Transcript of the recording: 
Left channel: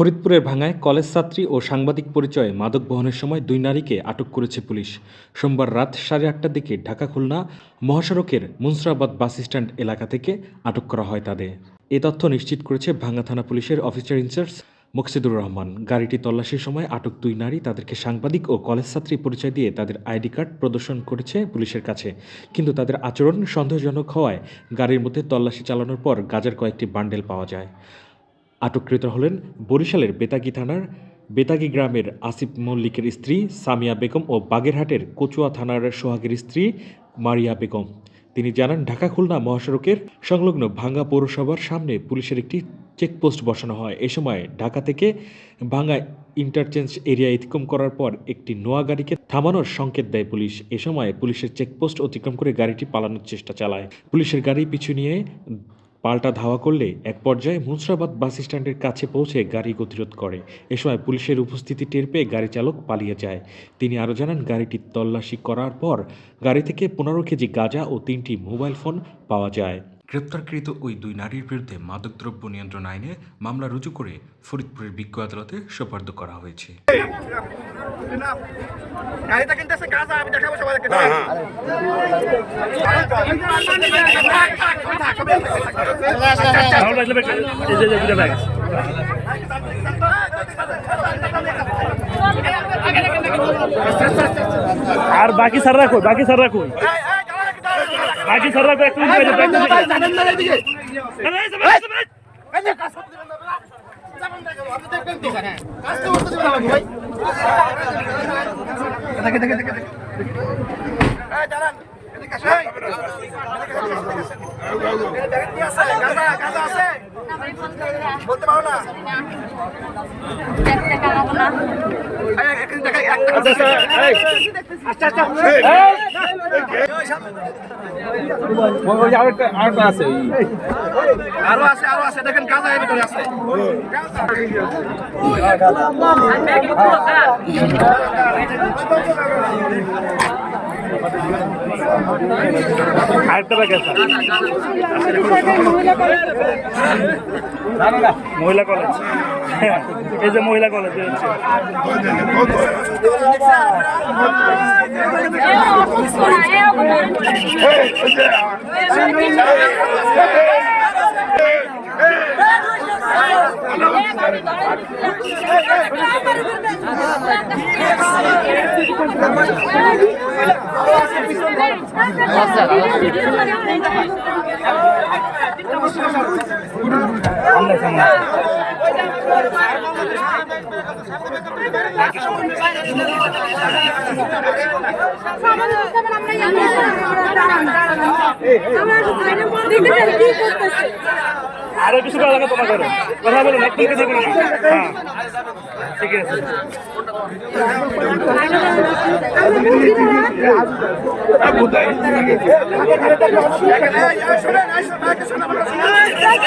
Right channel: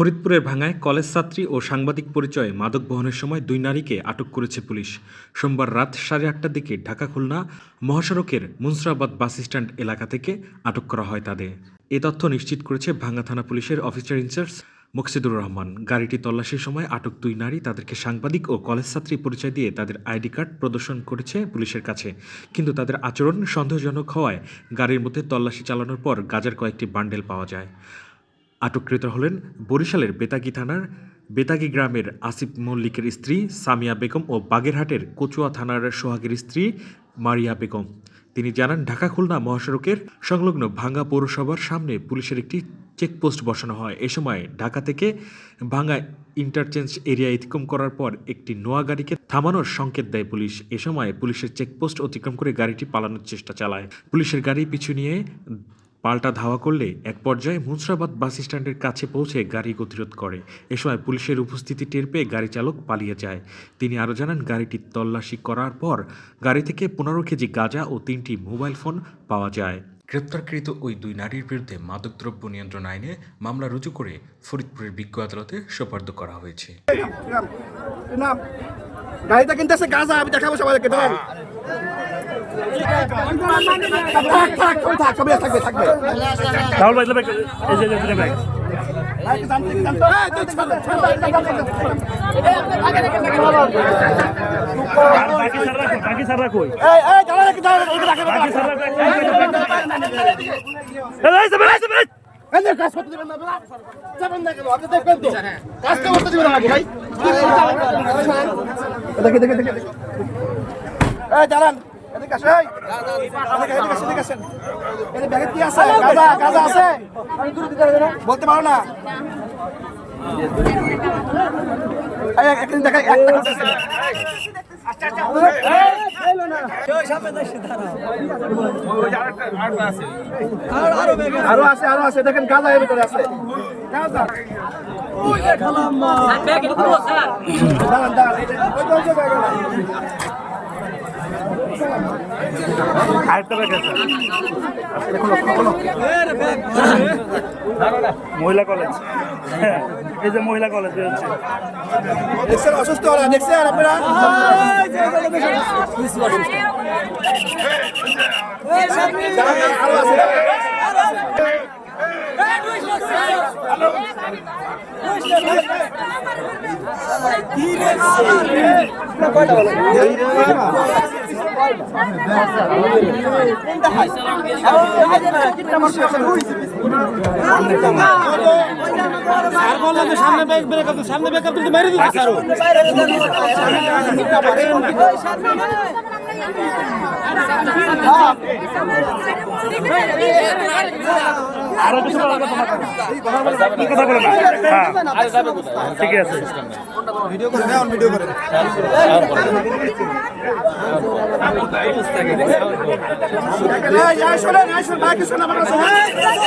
ফরিদপুরের ভাঙায় কলেজ ছাত্রী ও সাংবাদিক পরিচয়ে মাদক বহনের সময় দুই নারীকে আটক করেছে পুলিশ। সোমবার রাত সাড়ে আটটার দিকে ঢাকা খুলনা মহাসড়কের মুন্সরাবাদ বাস স্ট্যান্ড এলাকা থেকে আটক করা হয় তাদের। এ তথ্য নিশ্চিত করেছে ভাঙ্গা থানা পুলিশের অফিসার ইনচার্জ মুকসিদুর রহমান। গাড়িটি তল্লাশির সময় আটক দুই নারী তাদেরকে সাংবাদিক ও কলেজ ছাত্রী পরিচয় দিয়ে তাদের আইডি কার্ড প্রদর্শন করেছে পুলিশের কাছে। কিন্তু তাদের আচরণ সন্দেহজনক হওয়ায় গাড়ির মধ্যে তল্লাশি চালানোর পর গাজার কয়েকটি বান্ডেল পাওয়া যায়। আটককৃত হলেন বরিশালের বেতাগী থানার বেতাগী গ্রামের আসিফ মল্লিকের স্ত্রী সামিয়া বেগম ও বাগেরহাটের কচুয়া থানার সোহাগের স্ত্রী মারিয়া বেগম। তিনি জানান, ঢাকা খুলনা মহাসড়কের সংলগ্ন ভাঙ্গা পৌরসভার সামনে পুলিশের একটি চেকপোস্ট বসানো হয়। এ সময় ঢাকা থেকে ভাঙ্গা ইন্টারচেঞ্জ এরিয়া অতিক্রম করার পর একটি নোয়া গাড়িকে থামানোর সংকেত দেয় পুলিশ। এ সময় পুলিশের চেকপোস্ট অতিক্রম করে গাড়িটি পালানোর চেষ্টা চালায়। পুলিশের গাড়ি পিছু নিয়ে পাল্টা ধাওয়া করলে এক পর্যায়ে মুন্সরাবাদ বাস স্ট্যান্ডের কাছে পৌঁছে গাড়ি গতিরোধ করে। এ সময় পুলিশের উপস্থিতি টের পেয়ে গাড়ি চালক পালিয়ে যায়। তিনি আরও জানান গাড়িটি তল্লাশি করার পর গাড়ি থেকে পনেরো কেজি গাঁজা ও তিনটি মোবাইল ফোন পাওয়া যায়। গ্রেপ্তারকৃত ওই দুই নারীর বিরুদ্ধে মাদকদ্রব্য নিয়ন্ত্রণ আইনে মামলা রুজু করে ফরিদপুরের বিজ্ঞ আদালতে সোপর্দ করা হয়েছে আর বাকি স্যার রাখো বাকি স্যার রাখো বাকি ভাই। দেখে, দেখে, দেখে, দেখে। দাঁড়ান। বলতে পারো না এই, এক- আরও আছে আরও আছে দেখেন গাঁজা এর ভিতরে আছে আরেকটা ব্যাগ আছে মহিলা কলেজ এই যে মহিলা কলেজ বেরোচ্ছে Hey, hey, hey. আপনারা আরও কিছু করা লাগে তোমার করে কথা বলো একদম কথা বলো না? হ্যাঁ। ঠিক আছে। এই,